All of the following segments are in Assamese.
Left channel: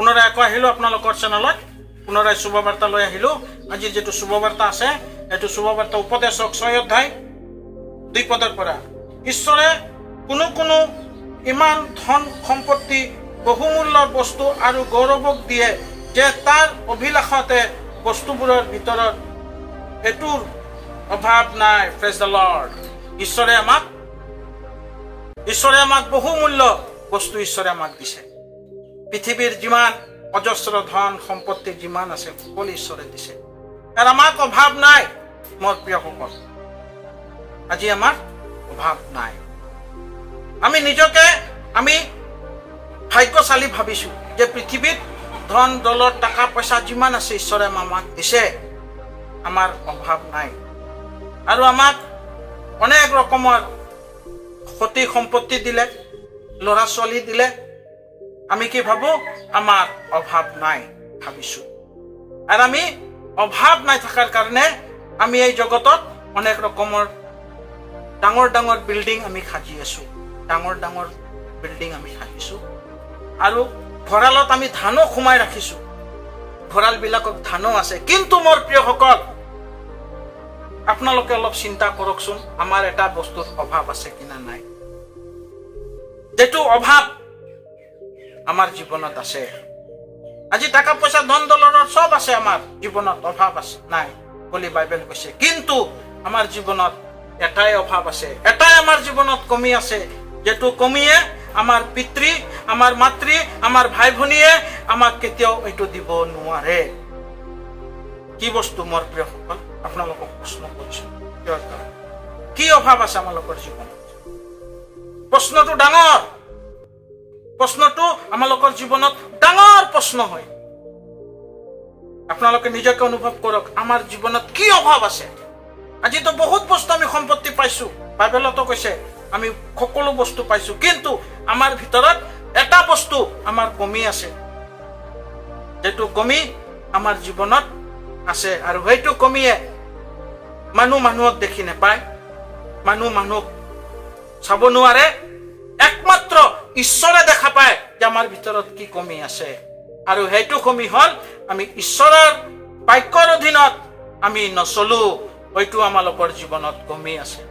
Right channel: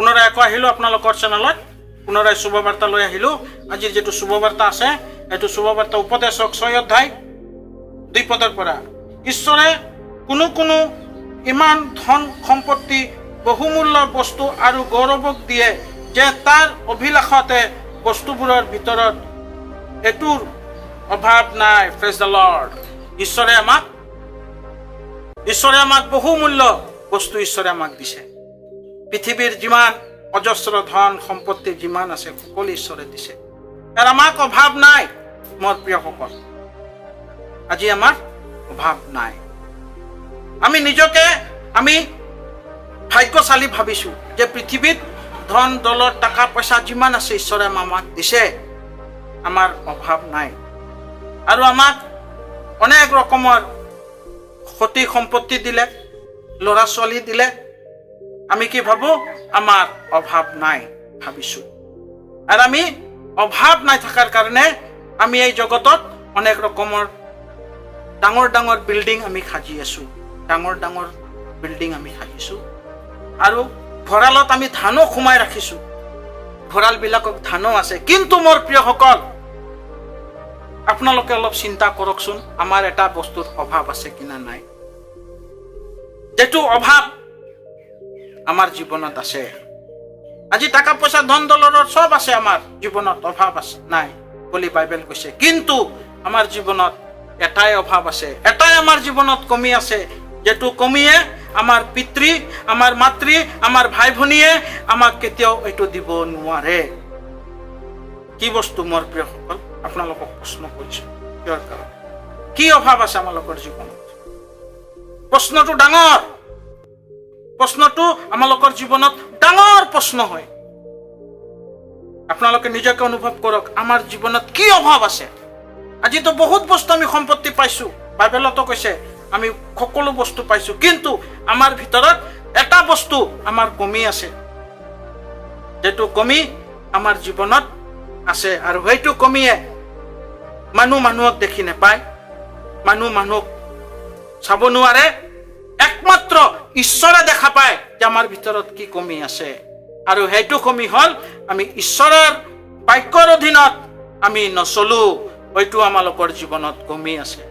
পুনৰায় আকৌ আহিলোঁ আপোনালোকৰ চেনেলত পুনৰায় শুভবাৰ্তা লৈ আহিলোঁ আজিৰ যেটো শুভবাৰ্তা আছে এইটো শুভবাৰ্তা উপদেশক 6 অধ্যায় 2 পদৰ পৰা ঈশ্বৰে কোনো কোনো ইমান ধন সম্পত্তি বহুমূল্য বস্তু আৰু গৌৰৱক দিয়ে যে তাৰ অভিলাষতে বস্তুবোৰৰ ভিতৰত এটোৰ অভাৱ নাই প্ৰেজ দ্য লৰ্ড ঈশ্বৰে আমাক বহুমূল্য বস্তু ঈশ্বৰে আমাক দিছে পৃথিৱীৰ যিমান অজস্ৰ ধন সম্পত্তি যিমান আছে সকলো ঈশ্বৰে দিছে আৰু আমাক অভাৱ নাই মোৰ প্ৰিয়সকল আজি আমাৰ অভাৱ নাই আমি নিজকে আমি ভাগ্যশালী ভাবিছো যে পৃথিৱীত ধন দৌলত টাকা পইচা যিমান আছে ঈশ্বৰে আমাক দিছে আমাৰ অভাৱ নাই আৰু আমাক অনেক ৰকমৰ ক্ষতি সম্পত্তি দিলে ল'ৰা ছোৱালী দিলে আমি কি ভাবো আমাৰ অভাৱ নাই ভাবিছো আৰু আমি অভাৱ নাই থাকাৰ কাৰণে আমি এই জগতত অনেক ৰকমৰ ডাঙৰ ডাঙৰ বিল্ডিং আমি সাজি আছো ডাঙৰ ডাঙৰ বিল্ডিং আমি সাজিছো আৰু ভঁৰালত আমি ধানো খুমাই ৰাখিছো ভঁৰাল বিলাকক ধানো আছে কিন্তু মোৰ প্ৰিয়সকল আপোনালোকে অলপ চিন্তা কৰকচোন আমাৰ এটা বস্তুৰ অভাৱ আছে কিনা নাই যেটো অভাৱ আমাৰ জীৱনত আছে আজি টাকা পইচা ধন দৌলতৰ সব আছে আমাৰ জীৱনত অভাৱ আছে নাই বুলি বাইবেল কৈছে কিন্তু আমাৰ জীৱনত এটাই অভাৱ আছে এটাই আমাৰ জীৱনত কমি আছে যেটো কমিয়ে আমাৰ পিতৃ আমাৰ মাতৃ আমাৰ ভাই ভনীয়ে আমাক কেতিয়াও এইটো দিব নোৱাৰে কি বস্তু মোৰ প্ৰিয়সকল আপোনালোকক প্ৰশ্ন কৰিছো কি অভাৱ আছে আমালোকৰ জীৱনত প্ৰশ্নটো ডাঙৰ প্ৰশ্নটো আমালোকৰ জীৱনত ডাঙৰ প্ৰশ্ন হয় আপোনালোকে নিজকে অনুভৱ কৰক আমাৰ জীৱনত কি অভাৱ আছে আজি তো বহুত বস্তু আমি সম্পত্তি পাইছো বাইবেলতো কৈছে আমি সকলো বস্তু পাইছো কিন্তু আমাৰ ভিতৰত এটা বস্তু আমাৰ কমি আছে যেটো কমি আমাৰ জীৱনত আছে আৰু সেইটো কমিয়ে মানুহক দেখি নাপায় মানুহক চাব নোৱাৰে একমাত্ৰ ঈশ্বৰে দেখা পায় যে আমাৰ ভিতৰত কি কমি আছে আৰু সেইটো কমি হল আমি ঈশ্বৰৰ বাক্যৰ অধীনত আমি নচলো হয়তো আমালোকৰ জীৱনত কমি আছে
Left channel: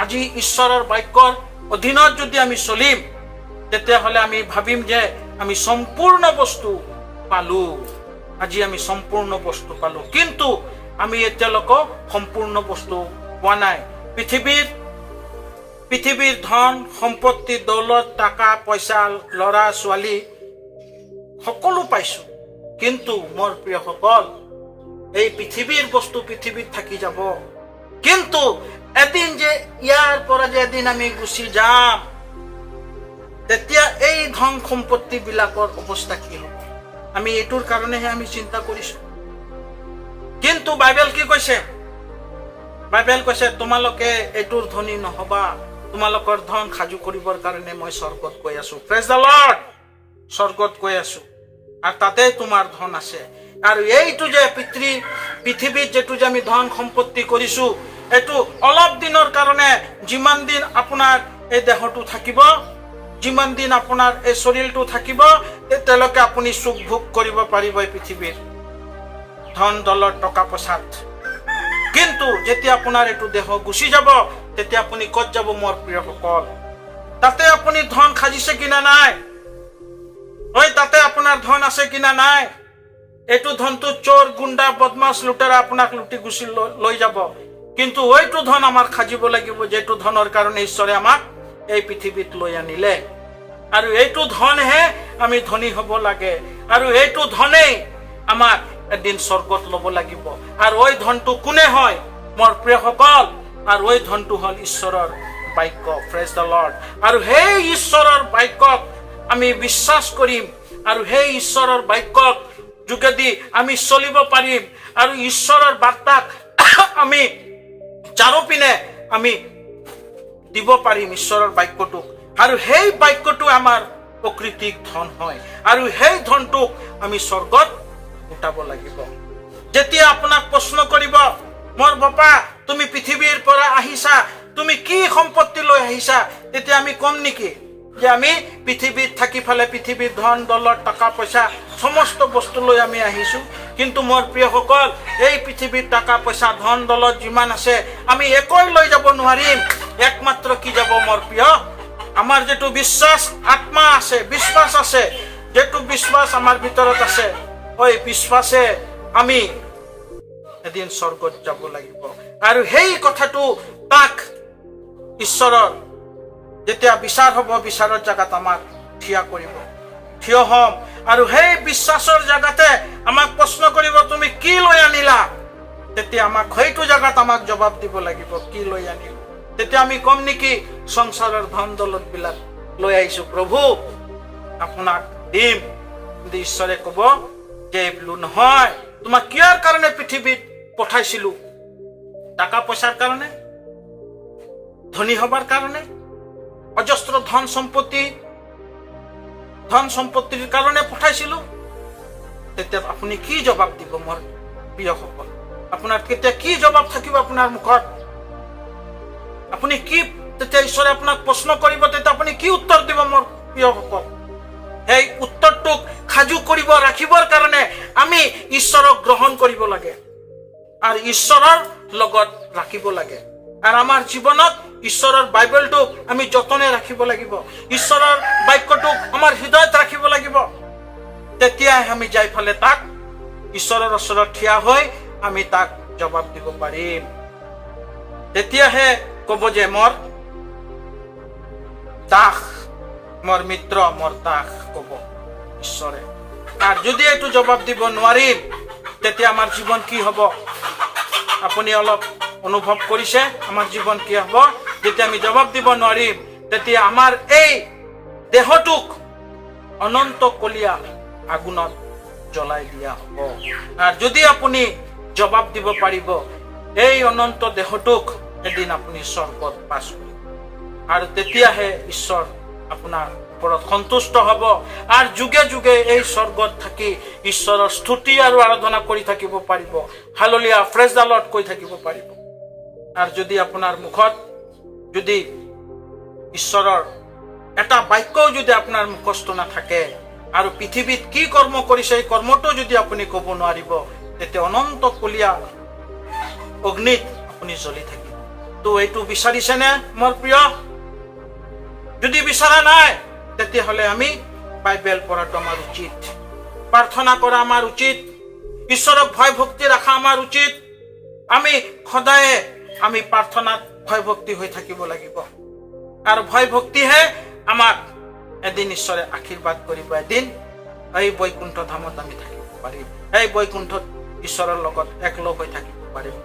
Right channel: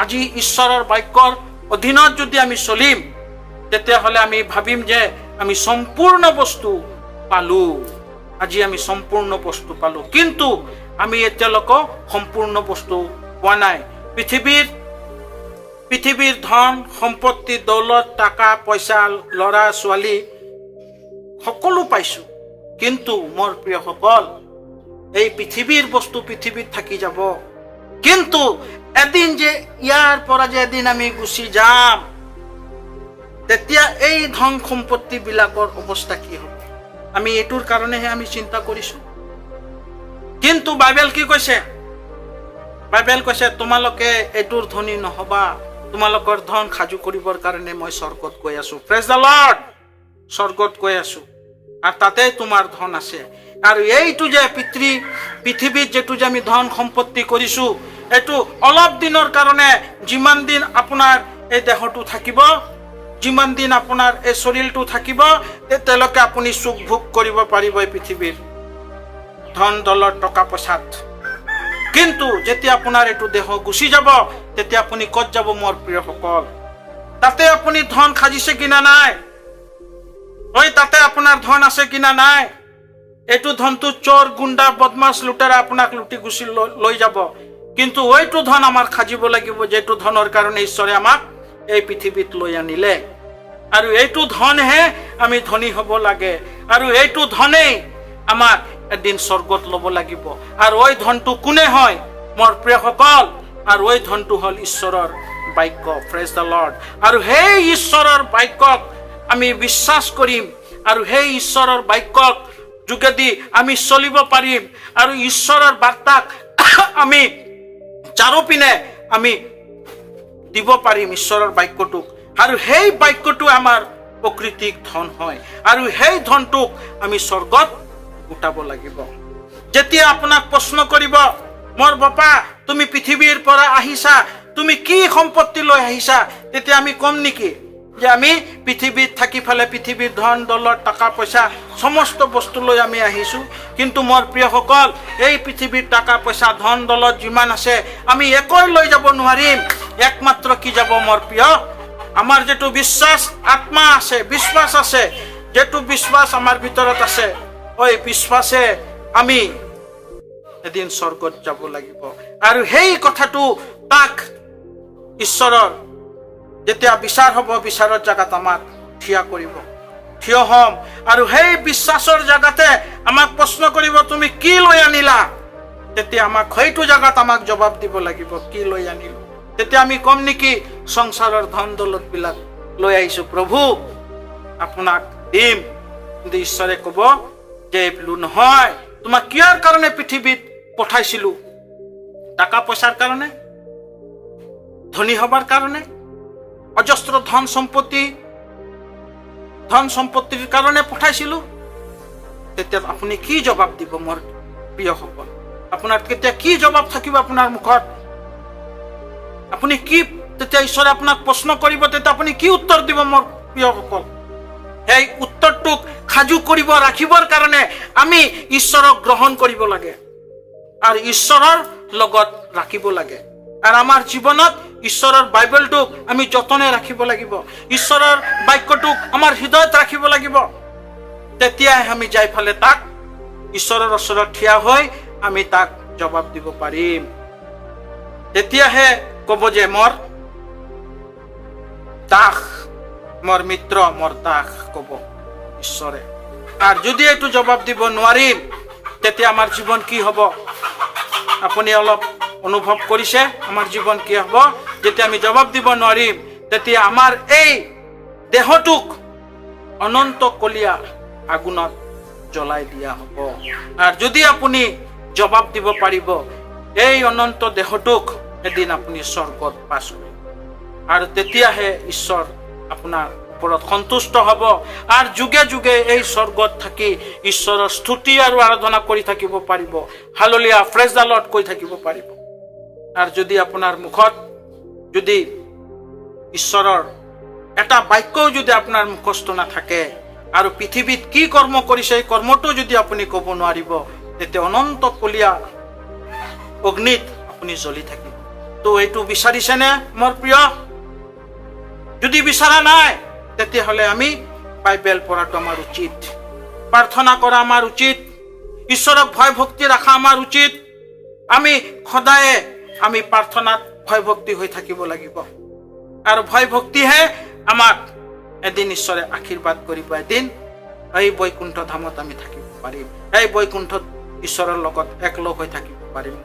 আজি ঈশ্বৰৰ বাক্যৰ অধীনত যদি আমি চলিম তেতিয়াহ'লে আমি ভাবিম যে আমি সম্পূৰ্ণ বস্তু পালো আজি আমি সম্পূৰ্ণ বস্তু পালো কিন্তু আমি এতিয়ালৈকে সম্পূৰ্ণ বস্তু পোৱা নাই পৃথিৱীৰ ধন সম্পত্তি দৌলত টাকা পইচা ল'ৰা ছোৱালী সকলো পাইছো কিন্তু মোৰ প্ৰিয়সকল এই পৃথিৱীৰ বস্তু পৃথিৱীত থাকি যাব কিন্তু এদিন যে ইয়াৰ পৰা যে এদিন আমি গুচি যাম তেতিয়া এই ধন সম্পত্তি বিলাকৰ অৱস্থা কি হ'ব আমি এইটোৰ কাৰণেহে আমি চিন্তা কৰিছো কিন্তু বাইবেল কি কৈছে বাইবেল কৈছে তোমালোকে এইটোৰ ধনী নহবা তোমালোকৰ ধন খাজু কৰিবৰ কাৰণে মই স্বৰ্গত গৈ আছো প্ৰেজ দ্য লৰ্ড স্বৰ্গত গৈ আছো আৰু তাতে তোমাৰ ধন আছে আৰু এইটো যে পৃথিৱীত যেটো যে আমি ধন সম্পত্তি কৰিছো এটো অলপ দিনৰ কাৰণে যিমান দিন আপোনাৰ এই দেহটো থাকিব যিমান দিন আপোনাৰ এই শৰীৰটো থাকিব তেতিয়ালৈকে আপুনি সুখ ভোগ কৰিব পাৰিব এই পৃথিৱীৰ ধন দৌলত টকা পইচাত কিন্তু যেতিয়া আপোনাৰ এইটো দেহ গুচি যাব তেতিয়া আপুনি ক'ত যাব মোৰ প্ৰিয়সকল তাতে আপুনি ধন খাজিছে কিনা নাই ওই তাতে আপোনাৰ ধন আছে কিনা নাই এইটো ধনটো চোৰ গুণ্ডা বদমাছ লুটাৰা আপোনাক লুটি গুচি লৈ যাব কিন্তু ওইটো ধন আমাৰ খাজিব লাগিব যেটো ধনৰ কাৰণে ঈশ্বৰে আমাক এই পৃথিৱীত লৈ আনিলে আৰু এইটো ধনহে আমি ধনী হ'ব লাগে আৰু এইটো ধনেই আমাক এদিন স্বৰ্গত ল'ব লাগিব আৰু ওই ধনটো কোনে হয় মোৰ প্ৰিয়সকল আৰু ওই ধনটো হল ঈশ্বৰৰ বাক্য প্ৰেজ দ্য লৰ্ড আৰু সেই ঈশ্বৰৰ বাক্যক আমি বিশ্বাস কৰিম আৰু সেই ঈশ্বৰৰ বাক্যক যোগেদি আমি চলিব পাৰিম আৰু ঈশ্বৰৰ বাৰ্তাক আমি চাৰিওপিনে আমি দিব পাৰিম ঈশ্বৰৰ বাক্যটো আৰু সেই বাক্যটো আমাৰ প্ৰকৃতিক ধন হয় আৰু সেই ধনটোক আমি স্বৰ্গত উঠাব লাগিব যেতিয়া আপোনাক প্ৰশ্ন কৰিব মোৰ বাপা তুমি পৃথিৱীৰ পৰা আহিছা তুমি কি সম্পত্তি লৈ আহিছা তেতিয়া আমি কম নেকি যে আমি পৃথিৱীত থাকি ফেলে পৃথিৱীৰ ধন দৌলত টকা পইচা সমস্ত বস্তু লৈ আমি আহিছোঁ, কিন্তু মোৰ প্ৰিয়সকল এই পৃথিৱীৰ টকা পইচা ধন দৌলত যিমান আছে আমি একোই লৈ যাব নোৱাৰিম। একমাত্ৰ কি যাব মোৰ প্ৰিয়, আমাৰ যেটো বিশ্বাস আত্মা আছে, বিশ্বাস আছে, যেটো বিশ্বাস আমাৰ ভিতৰত আছে, ওই বিশ্বাসে আমি এদিন স্বৰ্গত যাব লাগিব। আৰু সেই কথাটো তাক ঈশ্বৰৰ যেতিয়া বিচাৰ হ'ব, বিচাৰৰ জাগাত আমাক থিয় কৰিব, থিয় হ'ম। আৰু সেই বিশ্বাসৰ জাগাতে আমাক প্ৰশ্ন কৰিব, তুমি কি লৈ আনিলা? তেতিয়া আমাক সেইটো জাগাত আমাক জবাব দিব লাগিব, কি লৈ আনিলো। তেতিয়া আমি কম নেকি, সংসাৰৰ ধন দৌলত বিলাক লৈ আহিছো প্ৰভু, আপোনাক দিম। কিন্তু ঈশ্বৰে ক'ব যে বোলো নহয়, তোমাক কিয়াৰ কাৰণে পৃথিৱীত পঠাইছিলো? টাকা পইচাৰ কাৰণে, ধনী হবাৰ কাৰণে, অজস্ৰ ধন সম্পত্তিৰ কাৰণে পঠাইছিলো? তেতিয়া আপুনি কি জবাব দিব মোৰ প্ৰিয়সকল? আপোনাৰ কেতিয়া কি জবাব থাকিব আপোনাৰ মুখত? আপুনি কি তেতিয়া ঈশ্বৰে আপোনাক প্ৰশ্ন কৰিব, তেতিয়া আপুনি কি উত্তৰ দিব মোৰ প্ৰিয়সকল? সেই উত্তৰটোক সাজু কৰিব ৰাখিবৰ কাৰণে আমি ঈশ্বৰক গ্ৰহণ কৰিব লাগে আৰু ঈশ্বৰৰ লগত ৰাখিব লাগে। আৰু আমাৰ জীৱনত ঈশ্বৰৰ বাইবেলটোক আমি যতনে ৰাখিব লাগিব, ঈশ্বৰৰ বাক্যটোক আমাৰ হৃদয়ত ৰাখিব লাগিব। তেতিয়াহে আমি যাই ফেলে তাক ঈশ্বৰৰ ওচৰত থিয় হৈ আমি তাক জবাব দিব পাৰিম। তেতিয়াহে ক'ব যে মোৰ দাস, মোৰ মিত্ৰ, মোৰ দাস ক'ব ঈশ্বৰে। আৰু যদি এইটো জবাব দিব নোৱাৰিম, তেতিয়া আমাৰ জীৱন কি হ'ব? আপুনি অলপ অনুভৱ কৰিছে আমাৰ জীৱন কি হ'ব? যেতিয়া আমি জবাব দিব নোৱাৰিম, তেতিয়া আমাৰ এই দেহটোক অনন্ত কলীয়া আগুনত জ্বলাই দিয়া হ'ব। আৰু যদি আপুনি জবাব দিব পাৰিব, এই অনন্ত দেহটোক এদিন আপুনি স্বৰ্গত বাস কৰিব। আৰু তেতিয়াহে ঈশ্বৰ আপোনাৰ ওপৰত সন্তুষ্ট হ'ব আৰু যুগে যুগে এই স্বৰ্গত থাকি ঈশ্বৰৰ স্তুতি আৰু আৰাধনা কৰি থাকিব পাৰিব, হালেলুয়া, প্ৰেজ দ্য লৰ্ড কৈ থাকিব পাৰিব। আৰু যদি আপোনাৰ মুখত যদি ঈশ্বৰৰ এটা বাক্যও যদি আপোনাৰ মুখস্থ নাথাকে আৰু পৃথিৱীত কি কৰ্ম কৰিছে এই কৰ্মটো যদি আপুনি ক'ব নোৱাৰিব, তেতিয়া অনন্ত কলীয়া অগ্নিত আপুনি জ্বলি থাকিব। তো এইটো বিচাৰিছেনে মোৰ প্ৰিয়? যদি বিচৰা নাই, তেতিয়াহ'লে আমি বাইবেল পঢ়াটো আমাৰ উচিত, প্ৰাৰ্থনা কৰা আমাৰ উচিত, ঈশ্বৰক ভয় ভক্তি ৰখা আমাৰ উচিত। আমি সদায়ে আমি প্ৰাৰ্থনাত ভয় ভক্তি হৈ থাকিব লাগিব। আৰু ভয় ভক্তিহে আমাক এদিন ঈশ্বৰে আশীৰ্বাদ কৰিব, এদিন এই বৈকুণ্ঠ ধামত আমি থাকিব পাৰিম, এই বৈকুণ্ঠত ঈশ্বৰৰ লগত একলগ হৈ থাকিব পাৰিম।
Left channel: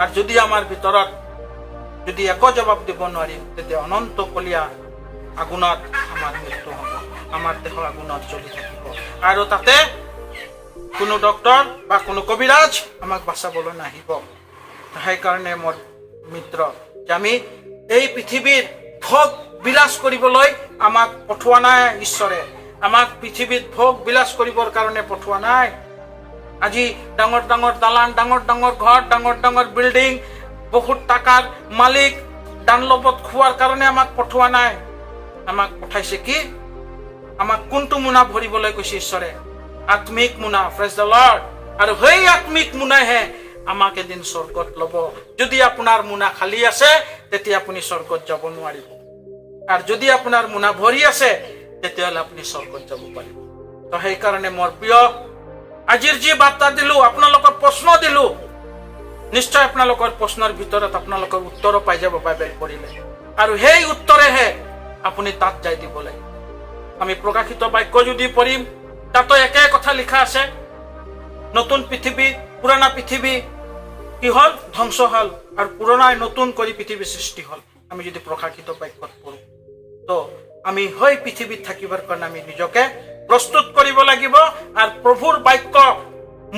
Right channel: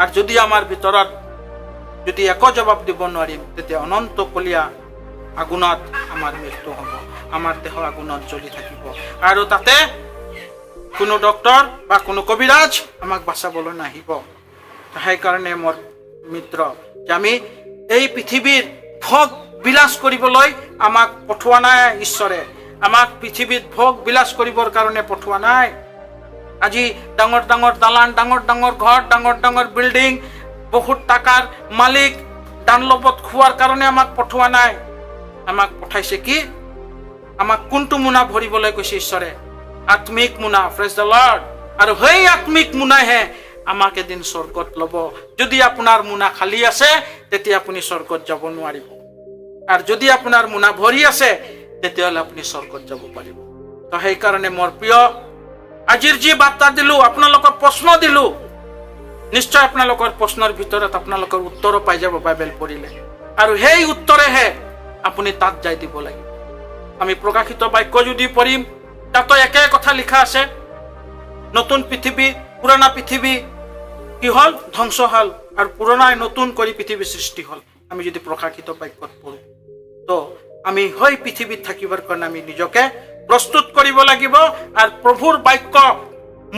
আৰু যদি আমাৰ ভিতৰত যদি একো জবাব দিব নোৱাৰিম, তেতিয়া অনন্ত কলীয়া আগুনত আমাৰ মৃত্যু হ'ব, আমাৰ দেহ আগুনত জ্বলি থাকিব। আৰু তাতে কোনো ডক্টৰ বা কোনো কবিৰাজ আমাক বাচাবলৈ নাহিব। সেইকাৰণে মোৰ মিত্ৰ, যে আমি এই পৃথিৱীৰ ভোগ বিলাস কৰিবলৈ আমাক পঠোৱা নাই ঈশ্বৰে, আমাক পৃথিৱীত ভোগ বিলাস কৰিবৰ কাৰণে পঠোৱা নাই। আজি ডাঙৰ ডাঙৰ দালান, ডাঙৰ ডাঙৰ ঘৰ, ডাঙৰ ডাঙৰ বিল্ডিং, বহুত টাকাৰ মালিক দানলবত খোৱাৰ কাৰণে আমাক পঠোৱা নাই। আমাক পঠাইছে কি? আমাক কোনটো মোনা ভৰিবলৈ কৈছে ঈশ্বৰে? আত্মিক মোনা, প্ৰেজ দ্য লৰ্ড। আৰু সেই আত্মিক মোনাহে আমাক এদিন স্বৰ্গত ল'ব। যদি আপোনাৰ মোনা খালী আছে, তেতিয়া আপুনি স্বৰ্গত যাব নোৱাৰিব। আৰু যদি আপোনাৰ মোনা ভৰি আছে, তেতিয়াহ'লে আপুনি স্বৰ্গত যাব পাৰিব। তো সেইকাৰণে মোৰ প্ৰিয়, আজিৰ যি বাৰ্তা দিলো, আপোনালোকৰ প্ৰশ্ন দিলো, নিশ্চয় আপোনালোকৰ প্ৰশ্নৰ ভিতৰত আপোনালোকৰ উত্তৰো পাই যাব বাইবেল পঢ়িলে। আৰু সেই উত্তৰেহে আপুনি তাত যাই দিব লাগিব। আমি প্ৰকাশিত বাক্য যদি পঢ়িম, তাতো একে কথা লিখা আছে, নতুন পৃথিৱী পুৰণা পৃথিৱী কি হ'ল? ধ্বংস হ'ল, আৰু পুৰণাই নতুন কৰি পৃথিৱী সৃষ্টি হ'ল। আমি যদি প্ৰকাশিত বাক্যত পঢ়ো, তো আমি সেই পৃথিৱীত থাকিবৰ কাৰণে আমি নিজকে প্ৰস্তুত কৰিব লাগিব আৰু প্ৰভুৰ বাক্য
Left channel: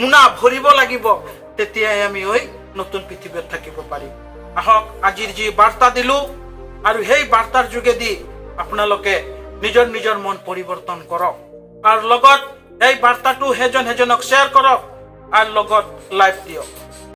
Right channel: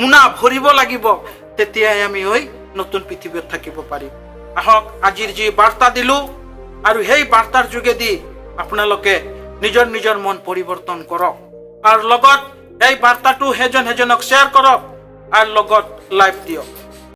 মোনা ভৰিব লাগিব। তেতিয়াহে আমি ওই নতুন পৃথিৱীত থাকিব পাৰিম। আহক আজিৰ যি বাৰ্তা দিলো, আৰু সেই বাৰ্তাৰ যোগেদি আপোনালোকে নিজৰ নিজৰ মন পৰিৱৰ্তন কৰক, আৰু লগত এই বাৰ্তাটো সেইজনক শ্বেয়াৰ কৰক, আৰু লগত লাইভ দিয়ক।